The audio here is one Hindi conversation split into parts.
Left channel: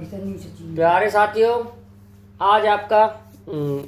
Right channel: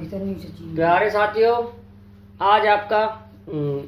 प्यारे साथियों, आज आपका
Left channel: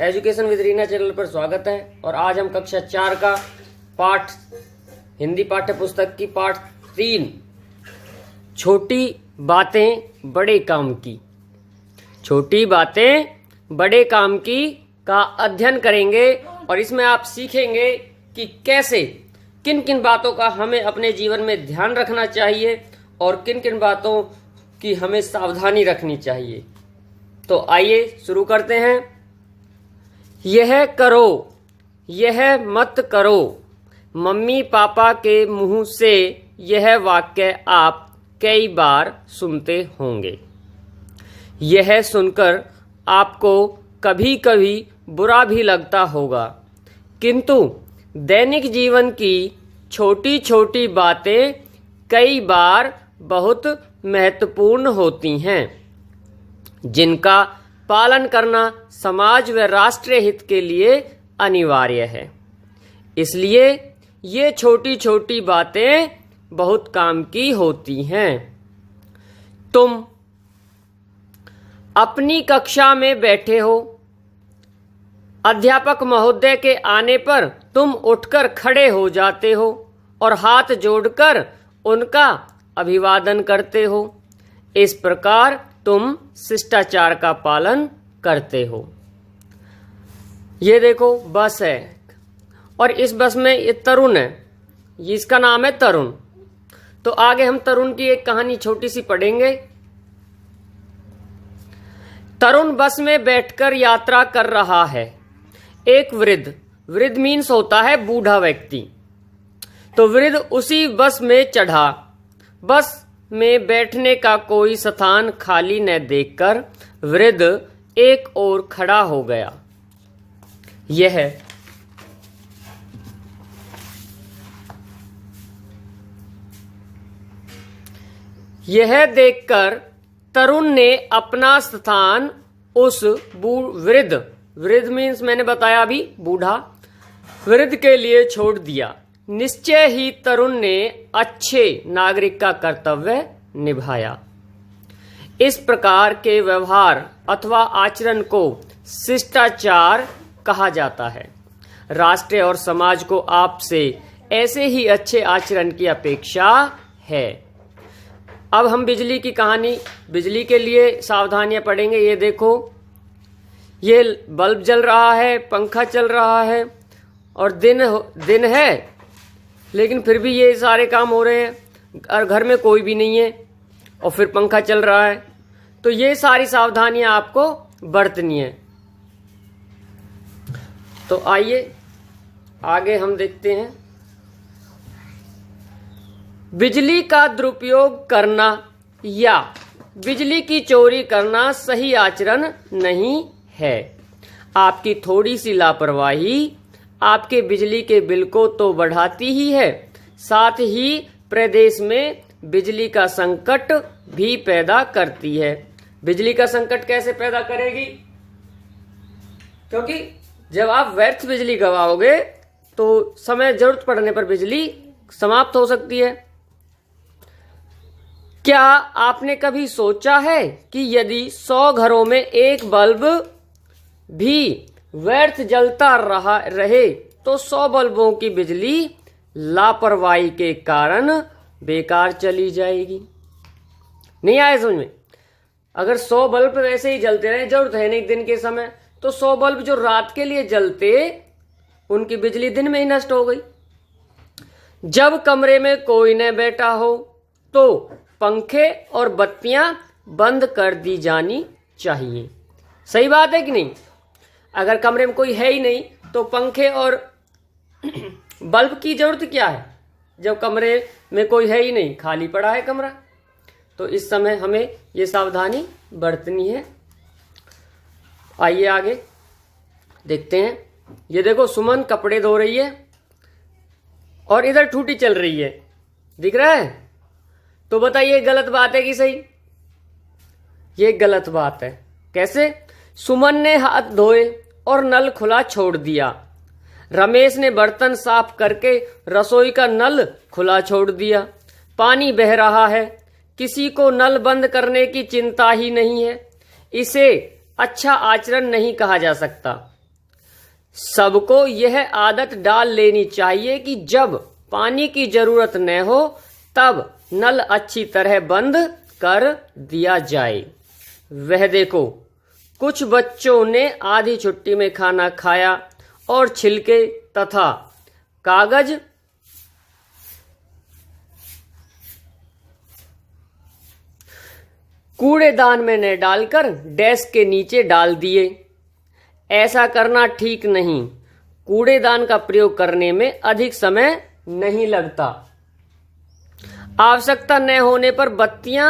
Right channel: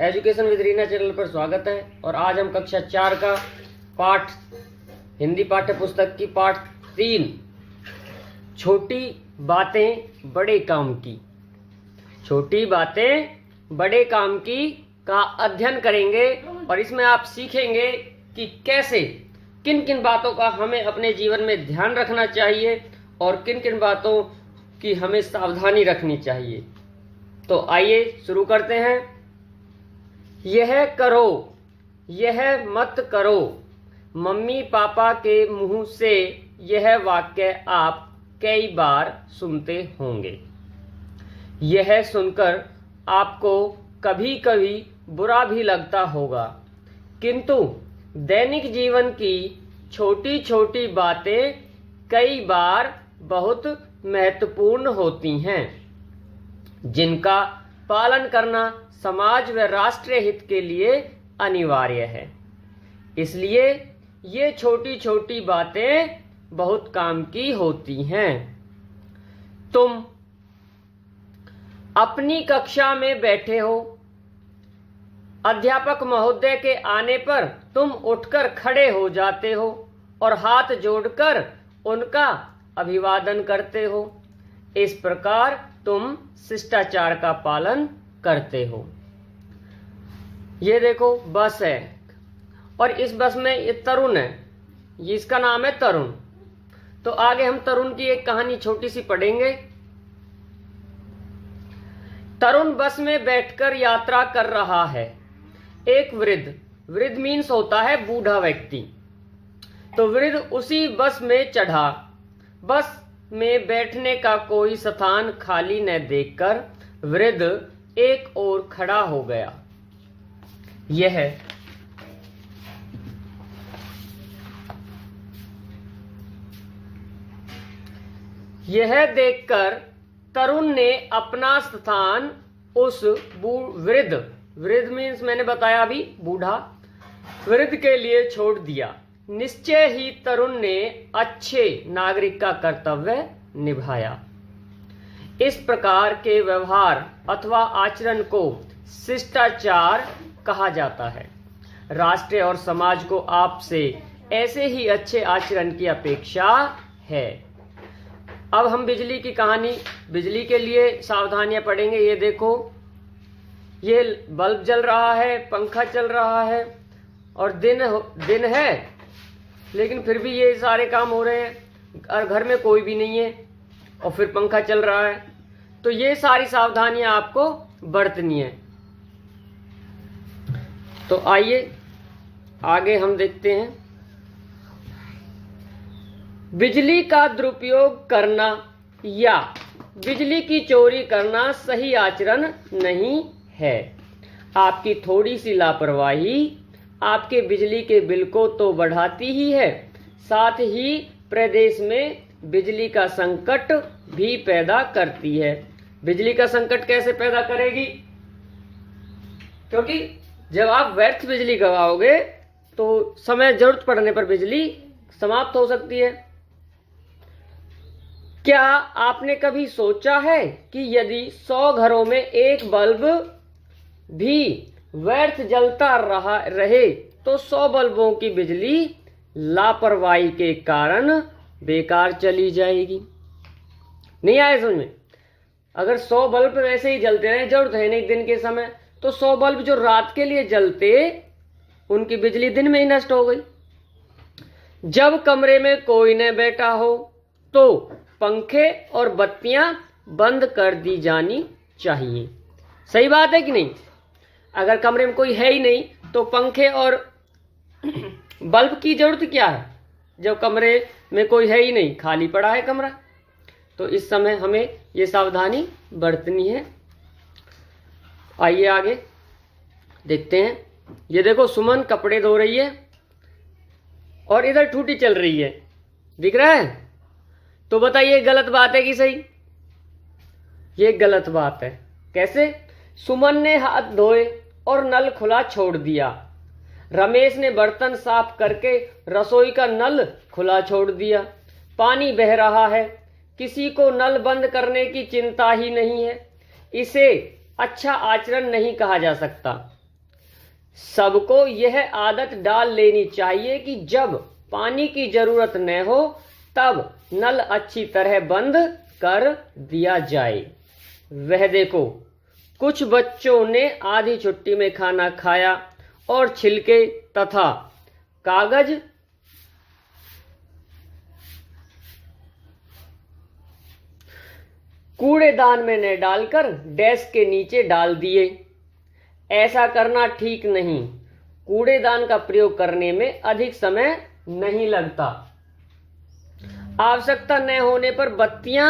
एजुकेशन विद रीना चैनल पर स्वागत है। और आज हम कक्षा 4 का पाठ हिंदी पाठ्य पुस्तक की पाठ 3 छोटी बातें बड़े काम की, छोटी बातें बड़े काम की का अध्ययन करेंगे। और इसमें आप सीखेंगे कि कैसे किन किन बातों का हमें अपने जीवन में ध्यान रखना चाहिए और किन किन बातों की हमें सावधानी रखनी चाहिए। तो आइए शुरू करते हैं। यह करो, यह मत करो, मम्मी पापा के मुंह से यह वाक्य आप कई बार सुनते होंगे। यह सुनकर आपको कभी कभी बुरा भी लगता होगा, किंतु दैनिक जीवन की छोटी छोटी बातें कई बार बहुत महत्वपूर्ण होती हैं, जिनका पालन करना समाज व राष्ट्रीय हित के लिए अनिवार्य है। इसलिए ये छोटी छोटी बातें बहुत काम की होती हैं। तुम अपनी कक्षा में बैठे हो, अध्यापक महोदय के आने पर तुम उठकर खड़े हो जाते हो और हाथ जोड़कर उनका अभिवादन करते हो। इस प्रकार तुम शिष्टाचार का पालन करते हो। ये देखो बस है और इस बस में ये तरुण है, इसका नाम है तरुण। तो आगे हम तरुण की एक कहानी छोटी सी पढ़ेंगे। तरुण बस में बैठकर यात्रा कर रहा है। एक वृद्ध, वृद्ध मीन्स होता है बूढ़ा व्यक्ति, तो वृद्ध उसी बस में चढ़ा। बस में बैठने का कोई स्थान खाली न देखकर वृद्ध एक ओर खड़ा हो गया। यह देखकर तरुण ने अपना स्थान उस वृद्ध, वृद्ध मीन्स मैंने बताया अभी बूढ़ा, वृद्ध के लिए छोड़ दिया। निश्चय ही तरुण ने अच्छे नागरिक का कर्तव्य निभाया। इस प्रकार के व्यवहार अथवा आचरण को शिष्टाचार कहा जाता है। राष्ट्र और समाज को आपसे ऐसे ही अच्छे आचरण की अपेक्षा है। अब हम बिजली की कहानी, बिजली के लिए सावधानियां पढ़ेंगे। ये देखो, ये बल्ब जल रहा है, पंखा चल रहा है और दिन है, लेकिन फिर भी ये सारे काम हो रहे हैं और घर में कोई भी नहीं है और फिर पंखा चल रहा है। तो ये सारी सावधानियां आपको बरतनी है। तो आइए आगे हम देखते हैं। बिजली का दुरुपयोग करना या बिजली की चोरी करना सही आचरण नहीं है। आपकी थोड़ी सी लापरवाही आपके बिजली के बिल को तो बढ़ाती ही है, साथ ही प्रदेश में बिजली का संकट भी पैदा करती है। बिजली का संकट कैसे पैदा करेगी? क्योंकि जब आप व्यर्थ बिजली गवाओगे तो समय जरूरत पड़ने पर बिजली समाप्त हो सकती है। क्या आपने कभी सोचा है कि यदि 100 घरों में एक बल्ब भी व्यर्थ जलता रहे तो 100 बल्बों की बिजली लापरवाही के कारण बेकार चली जाएगी। नहीं आया समझ में? अगर 100 बल्ब ऐसे ही जलते रहे, जरूरत है नहीं दिन के समय, तो 100 बल्ब जो रात के लिए जलते उनकी बिजली दिन में ही नष्ट हो गई। जब कमरे में कोई न बैठा हो तो पंखे और बत्तियां बंद कर दी जानी चाहिए। सही बात है कि नहीं? अगर कमरे में कोई है ही नहीं तो पंखे और बल्ब की जरूरत क्या है? जब कमरे में कोई है ही नहीं, खाली पड़ा है कमरा, तो इस समय हमें ये सावधानी बरतनी है। आइए आगे देखते हैं। ये देखो, सुमन कपड़े धो रही है और इधर टूटी चल रही है, दिख रहा है? तो बताइए गलत बात है कि सही? ये गलत बात है। कैसे? सुमन ने हाथ धोए और नल खुला छोड़ दिया। रमेश ने बर्तन साफ करके रसोई का नल खुला छोड़ दिया। पानी बह रहा है, किसी को नल बंद करने की चिंता ही नहीं है, इसे अच्छा आचरण नहीं कहा जा सकता। सबको यह आदत डाल लेनी चाहिए कि जब पानी की जरूरत न हो तब नल अच्छी तरह बंद कर दिया जाए। वह देखो, कुछ बच्चों ने आधी छुट्टी में खाना खाया और छिलके तथा कागज कूड़ेदान में न डालकर डेस्क के नीचे डाल दिए। ऐसा करना ठीक नहीं। कूड़ेदान का प्रयोग करने में अधिक समय नहीं लगता। आवश्यकता न होने पर बत्तियां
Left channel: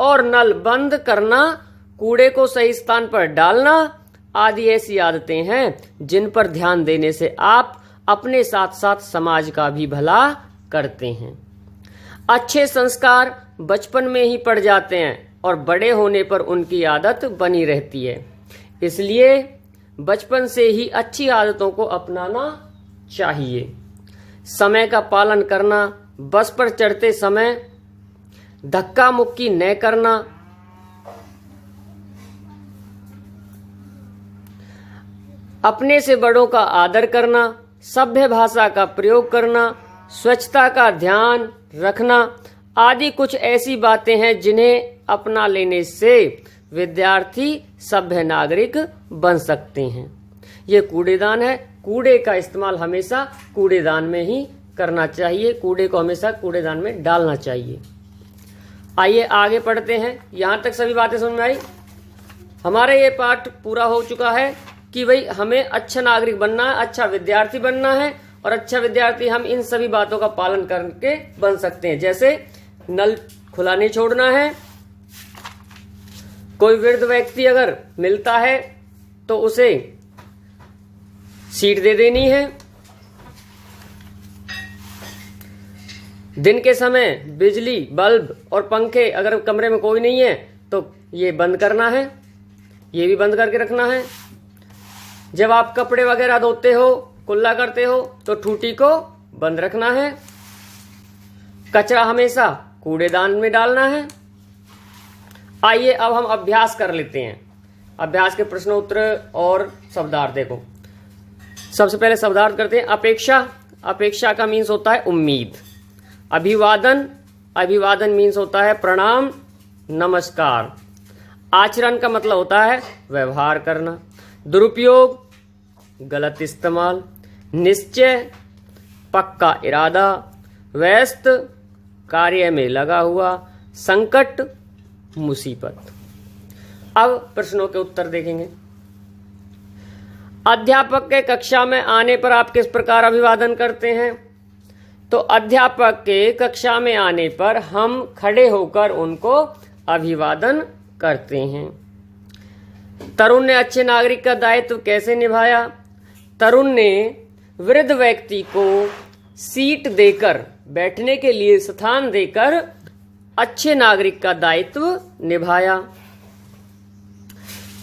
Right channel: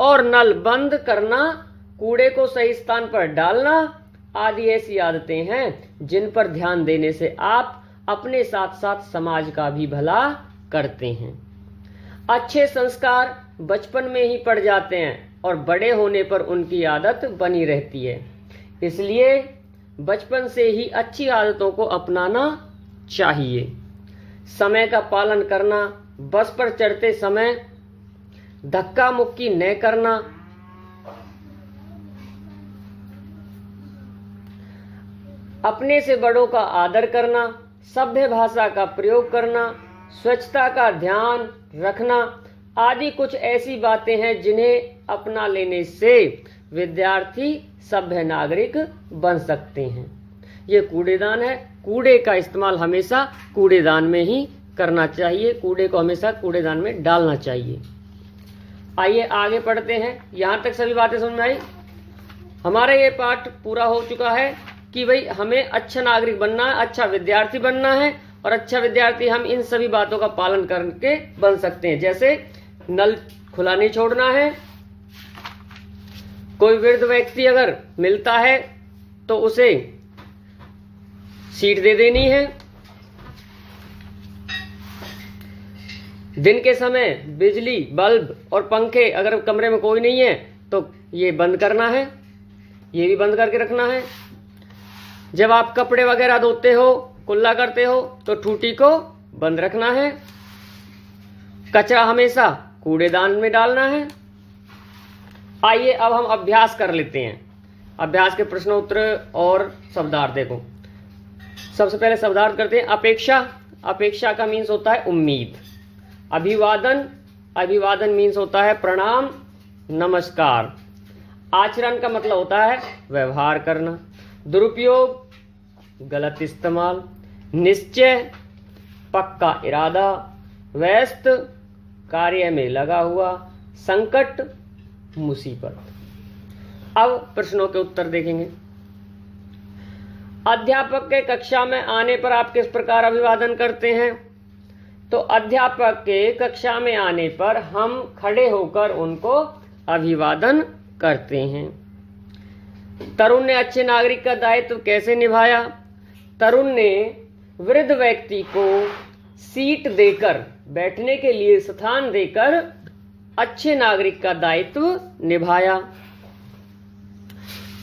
और नल बंद करना, कूड़े को सही स्थान पर डालना आदि ऐसी आदतें हैं जिन पर ध्यान देने से आप अपने साथ साथ समाज का भी भला करते हैं। अच्छे संस्कार बचपन में ही पड़ जाते हैं और बड़े होने पर उनकी आदत बनी रहती है। इसलिए बचपन से ही अच्छी आदतों को अपनाना चाहिए। समय का पालन करना, बस पर चढ़ते समय धक्का मुक्की न करना, अपने से बड़ों का आदर करना, सभ्य भाषा का प्रयोग करना, स्वच्छता का ध्यान रखना आदि कुछ ऐसी बातें हैं जिन्हें अपना लेने से विद्यार्थी सभ्य नागरिक बन सकते हैं। ये कूड़ेदान है। कूड़े का इस्तेमाल हमेशा कूड़ेदान में ही करना चाहिए। कूड़े को हमेशा कूड़ेदान में डालना चाहिए। आइए आगे पढ़ते हैं। यहाँ तक सभी बातें समझ में आई। हमारा ये पाठ पूरा हो चुका है कि भाई हमें अच्छा नागरिक बनना है, अच्छा विद्यार्थी बनना है, और अच्छा विद्यार्थी हम इन सभी बातों का पालन करके बन सकते हैं। जैसे नल खुला नहीं छोड़ना है, कोई वृद्ध व्यक्ति अगर मिलता है तो उसे सीट दे देनी है, दिन के समय बिजली बल्ब और पंखे अगर कमरे में कोई नहीं है तो ये बंद करना है, ये भी बंद करके रखना है। जब आप कपड़े वगैरह धोते हो, कुल्ला करते हो तो ठूठी को बंद रखना है। कचरा हमेशा कूड़ेदान में डालना है। आइए अब हम अभ्यास कर लेते हैं। अभ्यास के प्रश्न उत्तर और शब्दार्थ देखो। सबसे पहले शब्दार्थ करते हैं। अपेक्षा, अपेक्षा का मीन्स होता है उम्मीद। अभिवादन, अभिवादन मीन्स होता है प्रणाम, नमस्कार। आचरण का मतलब होता है व्यवहार करना। दुरुपयोग, गलत इस्तेमाल। निश्चय, पक्का इरादा। व्यस्त, कार्य में लगा हुआ। संकट, मुसीबत। अब प्रश्नों के उत्तर देखेंगे। अध्यापक के कक्षा में आने पर आप किस प्रकार अभिवादन करते हैं? तो अध्यापक के कक्षा में आने पर हम खड़े होकर उनको अभिवादन करते हैं। तरुण ने अच्छे नागरिक का दायित्व कैसे निभाया? तरुण ने वृद्ध व्यक्ति को सीट देकर, बैठने के लिए स्थान देकर अच्छे नागरिक का दायित्व निभाया।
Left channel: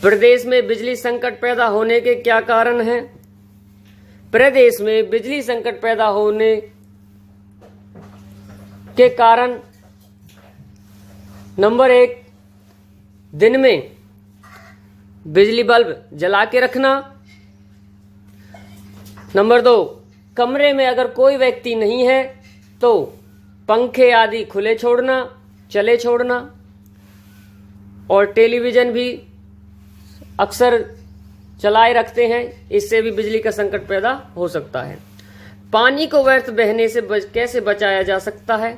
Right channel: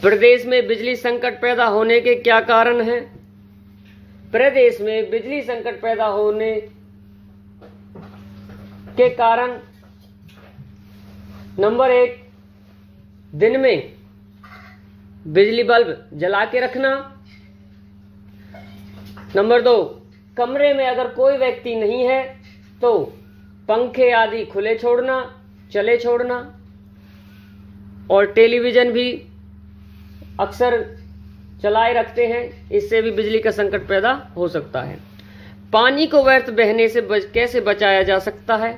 प्रदेश में बिजली संकट पैदा होने के क्या कारण हैं? प्रदेश में बिजली संकट पैदा होने के कारण नंबर 1, दिन में बिजली बल्ब जला के रखना। नंबर 2, कमरे में अगर कोई व्यक्ति नहीं है तो पंखे आदि खुले छोड़ना, चले छोड़ना। और टेलीविज़न भी अक्सर चलाए रखते हैं, इससे भी बिजली का संकट पैदा हो सकता है। पानी को व्यर्थ बहने से कैसे बचाया जा सकता है?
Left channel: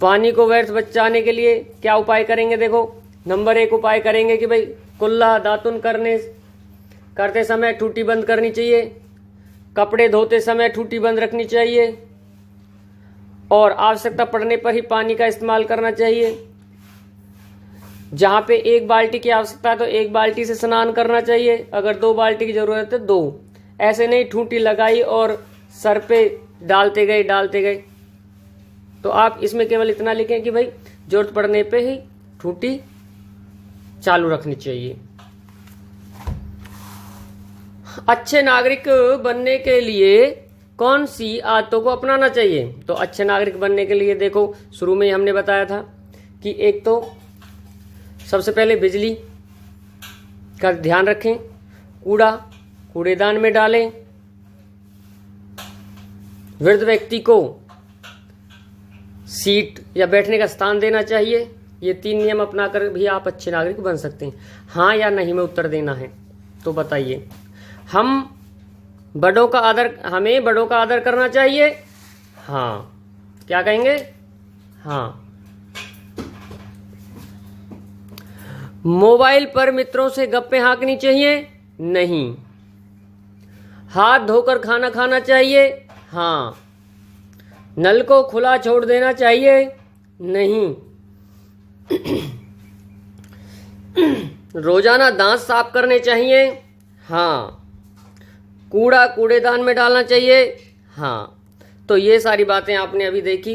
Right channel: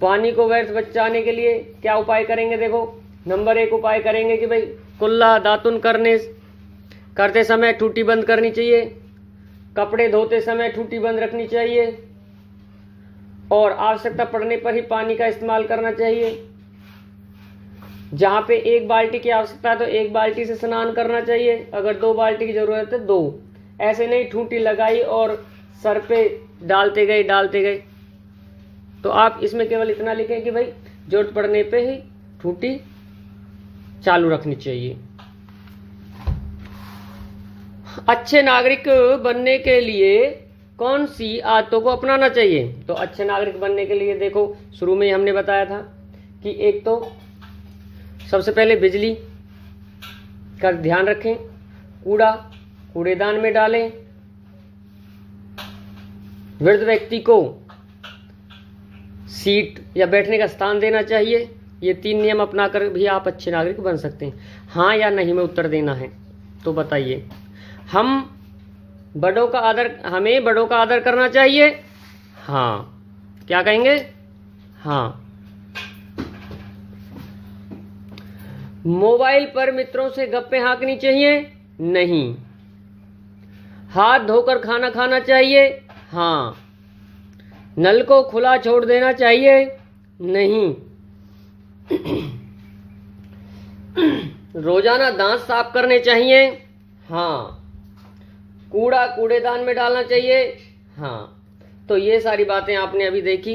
पानी को व्यर्थ बचाने के लिए क्या उपाय करेंगे? देखो, नंबर 1 उपाय करेंगे कि भाई कुल्ला दातुन करते समय टूटी बंद करनी चाहिए। कपड़े धोते समय टूटी बंद रखनी चाहिए और आवश्यकता पड़ने पर ही पानी का इस्तेमाल करना चाहिए। जहाँ पे 1 बाल्टी की आवश्यकता है तो 1 बाल्टी से स्नान करना चाहिए। अगर 2 बाल्टी की ज़रूरत है तो 2। ऐसे नहीं ठूठी लगाई और सर पे डालते गए। तो आप इसमें केवल इतना लिखें कि भाई जरूरत पड़ने पे ही ठूठी चालू रखनी चाहिए। अच्छे नागरिक बनने के लिए कौन सी आदतों को अपनाना चाहिए? तो अच्छे नागरिक बनने के लिए देखो, शुरू में ही हमने बताया था कि एक तो सबसे पहले बिजली का ध्यान रखें, कूड़ा कूड़ेदान में डालें, वृद्ध व्यक्ति को सीट या बैठने का स्थान देना चाहिए। ये 3 नियम अपनाकर भी आप अच्छे नागरिक बन सकते हैं। हाँ या नहीं में उत्तर देना है, तो बताइए। हमें बड़ों का आदर करना चाहिए। हाँ, क्या कहेंगे? हाँ। मोबाइल पर मित्रों से गप्पे हाँकनी चाहिए? नहीं। हाथ धोकर खाना खाना चाहिए? हाँ। नल को खुला छोड़ देना चाहिए? नहीं। रोजाना दांत साफ करने चाहिए? हाँ। कूड़ा कूड़ेदान में डालना चाहिए? हाँ। तो ये सारी बातें आपने अभी देखी।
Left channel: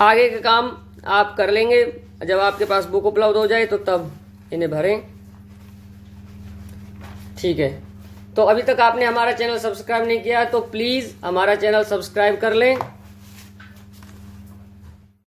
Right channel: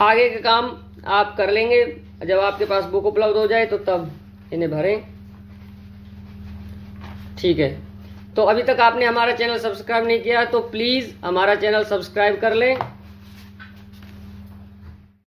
आगे का काम आप कर लेंगे जब आपके पास बुक उपलब्ध हो जाए, तो तब इन्हें भरें। ठीक है। तो अभी तक आपने हमारा चैनल सब्सक्राइब नहीं किया तो प्लीज़ हमारा चैनल सब्सक्राइब कर लें